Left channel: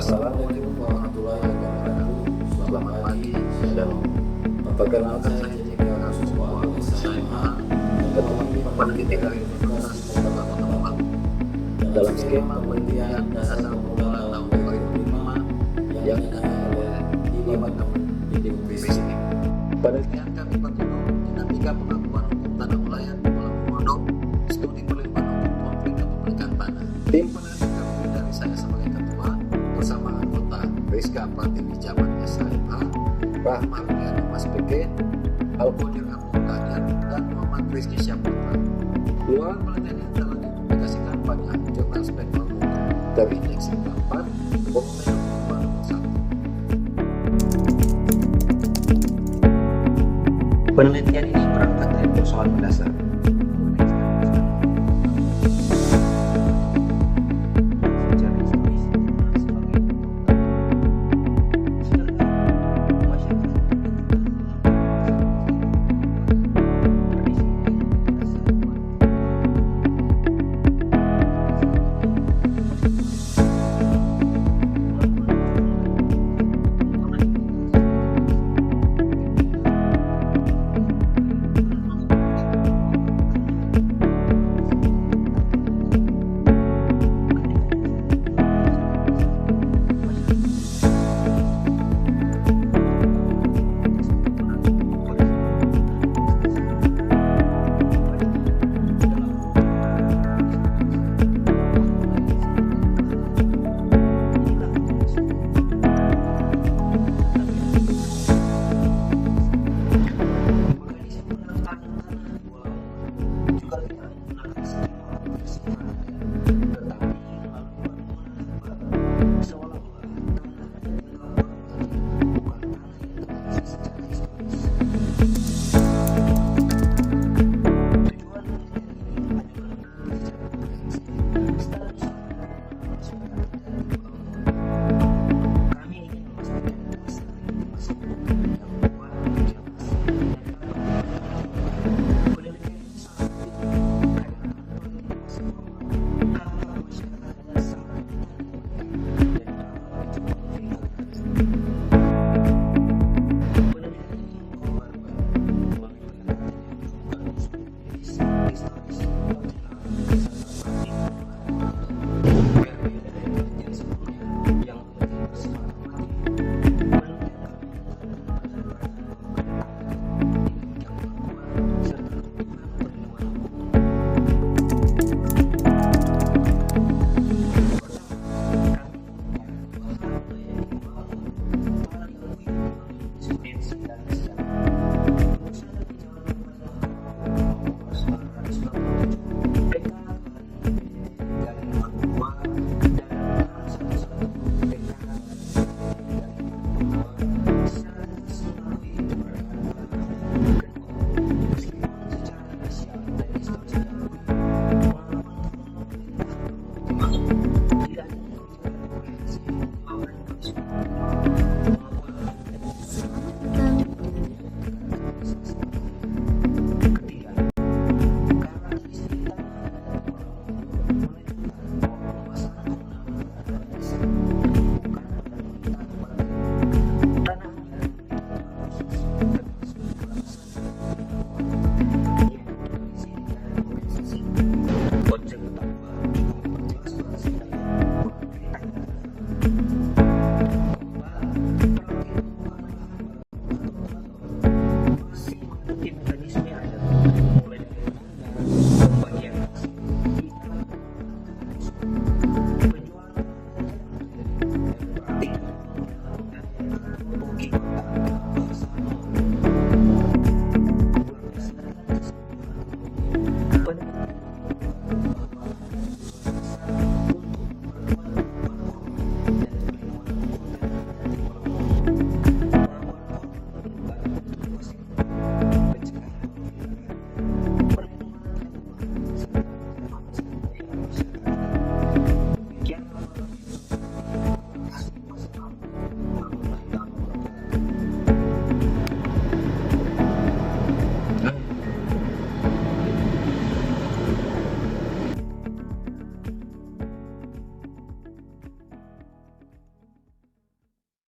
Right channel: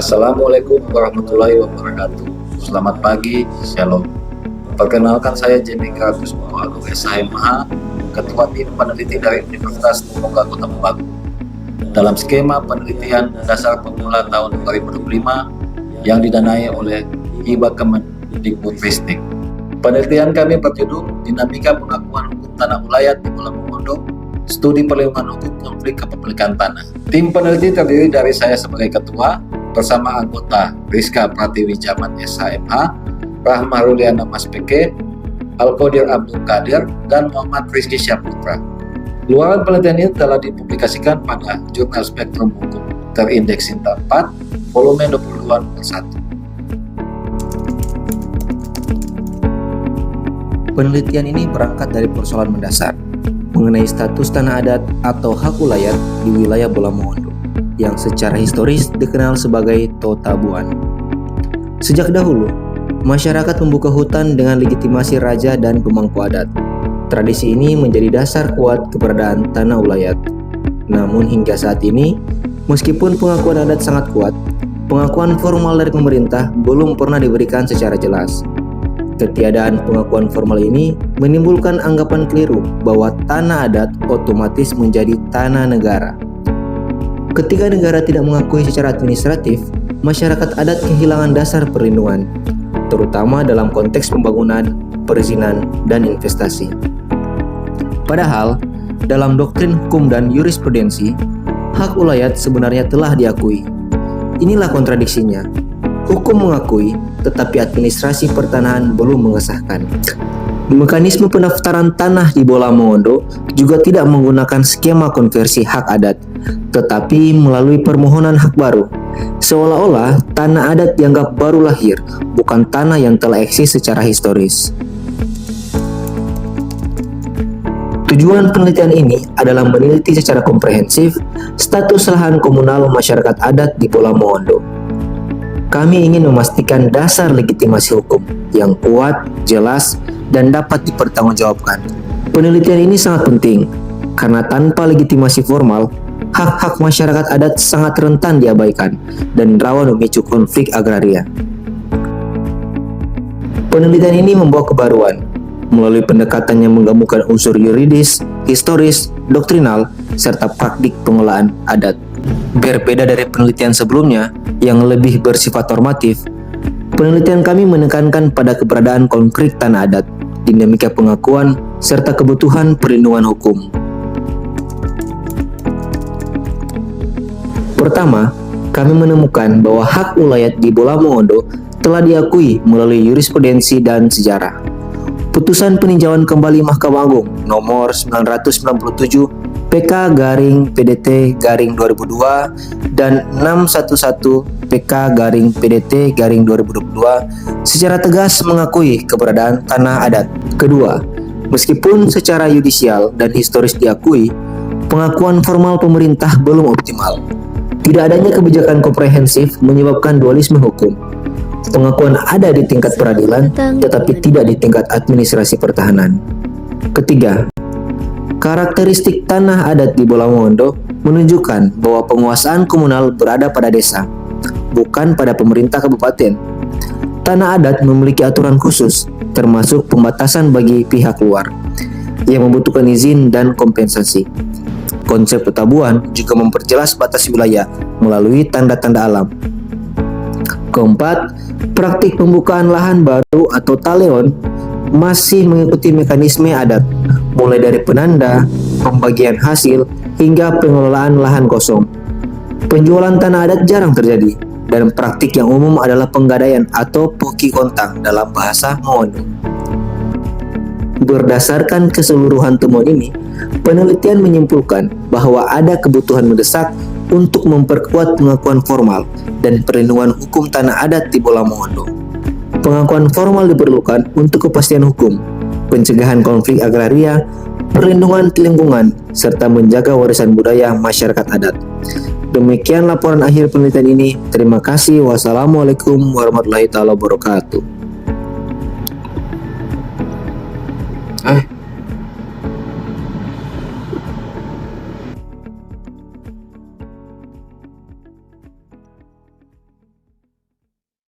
Assalamualaikum warahmatullahi wabarakatuh. Selamat pagi, Shalom. Perkenalkan saya Jemi Gratus Muhammad SHMH, Ketua Tim Peneliti dari Universitas Terbuka Kota Mobagu. Dalam skema penelitian dasar pemula tahun 2025 yang didanai oleh Hibah Kemendikbudristek. Penelitian kami berjudul Dinamika Pengakuan Hukum Tanah Ulayat di Pulau Mongondo, Studi Perlindungan Hukum Konflik Kepemilikan Tanah. Tim peneliti terdiri dari saya sebagai ketua, bersama anggota Rizka Pratiwi Jaman SHMH, Rahma Ruliana Mas PK, Al-Qadir Abdul Qadir, dan Muhammad Rizky Syahputra. Luaran penelitian ini telah dipublikasikan pada Jurnal Spektrum Hukum terindeks Sinta 4, volume 22/1. Penelitian ini berangkat dari persoalan mendasar mengenai status tanah adat atau hak ulayat di wilayah Bola Mongondo yang secara historis dikenal sebagai Totabuan. Sejak dahulu, masyarakat membuka hutan dengan legitimasi raja dan pemangku adat. Tradisi ini menjadi dasar kuat keberadaan tanah ulayat. Namun hingga saat ini, meskipun pengakuan adat sangat kuat, pengakuan formal dari pemerintah belum pernah diberikan secara jelas. Ketiadaan pengakuan formal ini menimbulkan anggapan keliru bahwa tanah adat otomatis menjadi tanah negara. Ketika negara tidak mengakui secara administratif, masyarakat adat kehilangan dasar perlindungan, terutama dalam konteks pembangunan, perizinan, dan investasi. Padahal, dalam doktrin hukum dan jurisprudensi, hak ulayat sebenarnya telah diakui. Inilah kontradiksinya. Hukum mengakui, tetapi administrasi pertanahan belum mengesahkan. Mekanisme pendaftaran tanah di Bola Mongondo juga tidak menggunakan skema konversi hak adat, tetapi melalui permohonan hak baru. Seolah-olah tanah adat dianggap baru lahir, bukan tanah yang telah eksis secara historis. Tujuan penelitian ini adalah meneliti secara komprehensif status lahan komunal masyarakat adat di Bola Mongondo. Kami ingin memastikan dasar legitimasi hukum yang kuat, jelas, dan dapat dipertanggungjawabkan. Penelitian ini sangat penting karena tanpa legitimasi formal, hak-hak masyarakat adat sangat rentan diabaikan dan rawan memicu konflik agraria. Penelitian ini membawa kebaruan melalui pendekatan yang menggabungkan unsur yuridis, historis, doktrinal, serta praktik pengelolaan adat. Berbeda dari penelitian sebelumnya yang lebih bersifat normatif, penelitian kami menekankan pada keberadaan konkret tanah adat, dinamika pengakuan, serta kebutuhan perlindungan hukum. Pertama, kami menemukan bahwa hak ulayat di Bola Mongondo telah diakui melalui jurisprudensi dan sejarah. Putusan peninjauan kembali Mahkamah Agung nomor 997 PK/PDT/2002 dan 611 PK/PDT/2022 secara tegas mengakui keberadaan tanah adat. Kedua, meskipun secara yudisial dan historis diakui, pengakuan formal pemerintah belum optimal. Tidak adanya kebijakan komprehensif menyebabkan dualisme hukum. Pengakuan ada di tingkat peradilan, tetapi tidak di tingkat administrasi pertahanan. Ketiga, karakteristik tanah adat di Bola Mongondo menunjukkan bahwa penguasaan komunal berada pada desa, bukan pada pemerintah kabupaten. Tanah adat memiliki aturan khusus, termasuk pembatasan bagi pihak luar, yang membutuhkan izin dan kompensasi. Konsep Totabuan juga memperjelas batas wilayah melalui tanda-tanda alam. Keempat, praktik pembukaan lahan baru atau taleon masih mengikuti mekanisme adat, mulai dari penanda, pembagian hasil, hingga pengelolaan lahan kosong. Penjualan tanah adat jarang terjadi, dan praktik yang umum adalah penggadaian atau poki kontang dalam bahasa Mongondo. Berdasarkan keseluruhan temuan ini, penelitian menyimpulkan bahwa ada kebutuhan mendesak untuk memperkuat pengakuan formal dan perlindungan hukum tanah adat di Bola Mongondo. Pengakuan formal diperlukan untuk kepastian hukum, pencegahan konflik agraria, perlindungan lingkungan, serta menjaga warisan budaya masyarakat adat. Demikian laporan akhir penelitian ini. Terima kasih. Wassalamualaikum warahmatullahi wabarakatuh.